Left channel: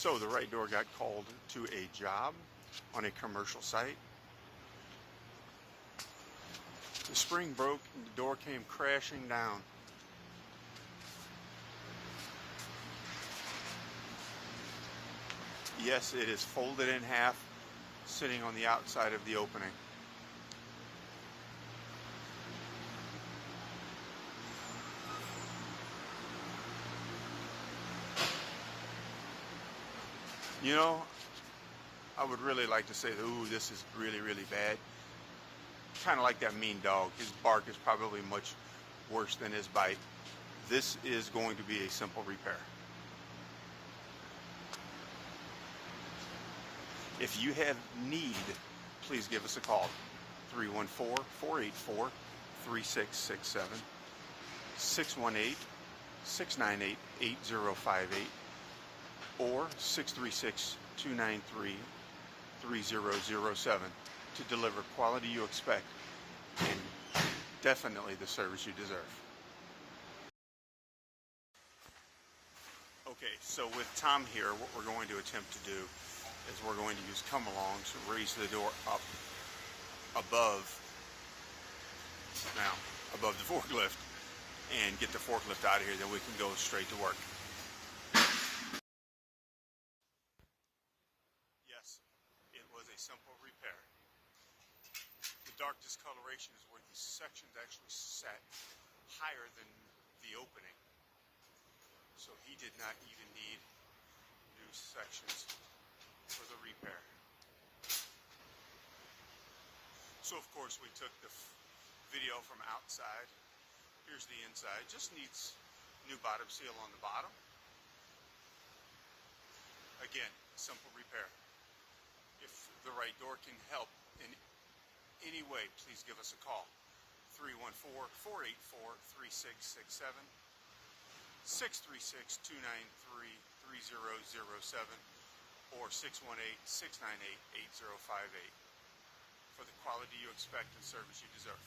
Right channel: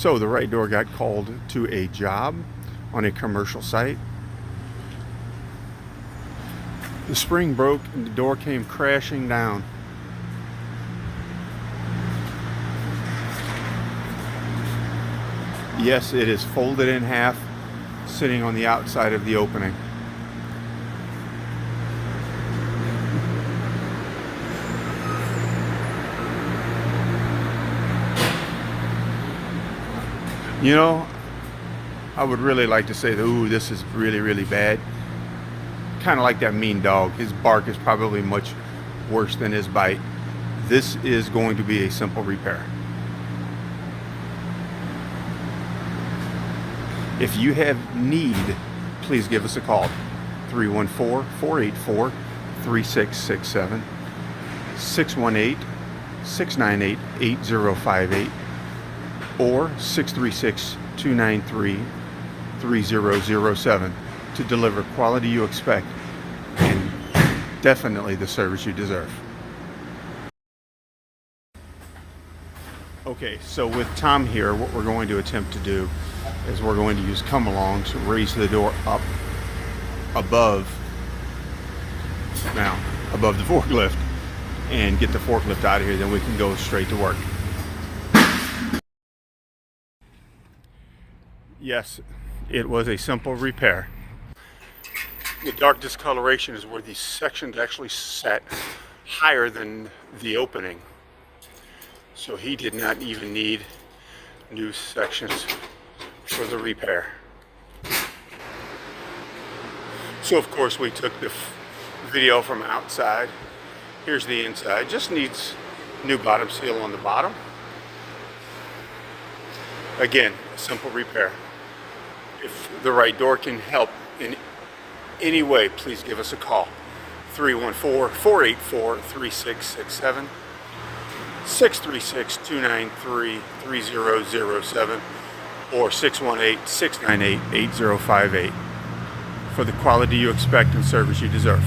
So the right door got called to a job on a commercial site. The spring broke and the door came crashing down. Yes, it is folded in half, sitting on the outside of the opening. You know, I would really like to say that, ooh, this is really, really bad. Kind of like that mean dog. His bark is probably much worse than his bite. This is going to be a simple repair. If you have need, please give us a call. 314-484-3667, 618-698-8058, or 636-293-3007 to deliver quality you expect and definitely the service you deserve. Okay, so with Tom here, what we're going to attempt to do is we're going to use come along to raise the door up above the forklift and get the forklift out of here, then we can go straight to work. Yes, it was a simple repair. The dark discoloration is where these sections actually sat higher than the opening. So he did not even need new sections for the repair. So of course we took the video from outside. Here's the inside. Just needs new bottom seal on the bottom. Again, a simple repair. If the right door can help in any way, please give us a call. 314-484-3667, 636-293-3007, or 618-698-8058 for the quality you expect and service you deserve.